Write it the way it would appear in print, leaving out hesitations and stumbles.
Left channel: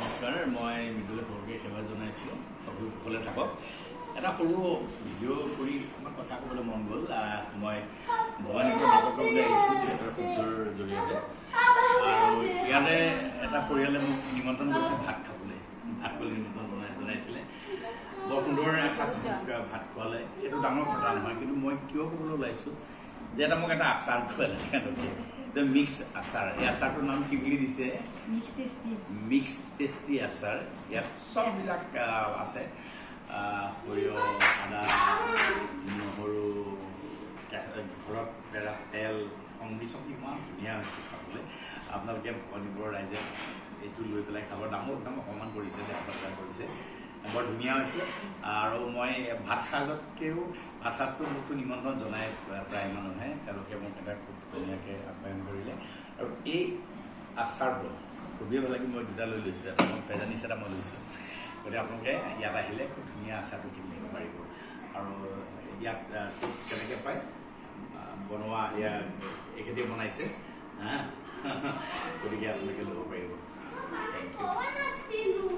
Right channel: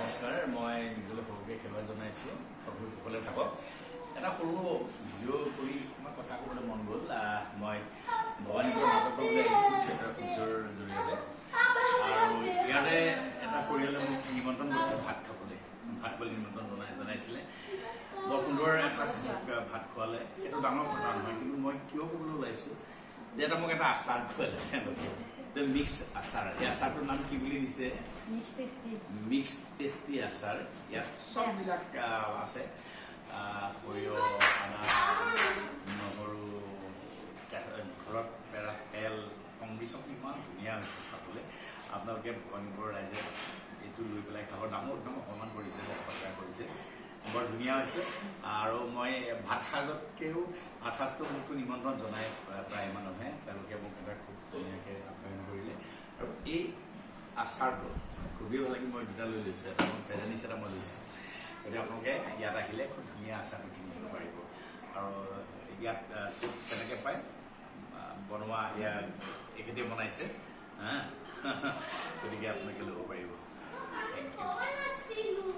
নমস্কাৰ মই নিজলৈ সৰুকৈ সেৱা জনাইছোঁ সকলো কুশলে থাকক এটা সৰু ভিডিঅ' কৰি আমাক কথা ক'বলৈ মন গ'ল মই ভৱানীপুৰ নাটক কৰিবলৈ আহিছোঁ থিয়েটাৰ সূৰ্যৰ জৰিয়তে আৰু ইয়াতে এটা পৰিয়ালে মোক নিমন্ত্ৰণ কৰিছে ভাত খাবলৈ নিমন্ত্ৰণ জনাইছিলে বৰ সুন্দৰ এসাঁজ ভাত খোৱালে এইটো ডাঙৰ কথা নহয় কিন্তু মই কিয় ক'বলৈ ওলাইছোঁ যে এটা মোক এটা আচাৰ খোৱালে মিক্স আচাৰ এই আচাৰটোৰ নাম কি বুলি দিছে মিক্স টেষ্টি আচাৰ ইয়াত চববিলাক আছে সৰিয়হ আদা নহৰু ঘৰত পেৰা তেল সংমিশ্ৰণ ইমান ধুনীয়া হৈছে খাবলৈ আপোনালোকে ভৱানীপুৰৰ ৰাইজে এইটো লৈ পেলাই খাব দামো একদম অকণমান কৰিছে অপকাৰ কৰিছে বৰ ধুনীয়া হৈছে আৰু মই ভাত সাজটো মোকতো নিমন্ত্ৰণ জনাই প্ৰায় মানুহে তেওঁলোকে মোক এটা খুব ধুনীয়াকৈ আপ্যায়ন কৰিলে আৰু এই আচাৰটো খুবেই ভাল লাগি মই দুটা লৈ লৈছোঁ এটা মই পেজানিছ এটা মই লৈছোঁ গতিকে আপোনালোকে ইয়াত আহিলে খুব ধুনীয়া আচাৰটো কিনি ল'ব পাৰিব আৰু ইয়াত কেনেকৈ পায় বনোৱা ইয়াত এখেতে বনাইছে গতিকে আপোনালোকে ল'ব পাৰিব থেংক ইউ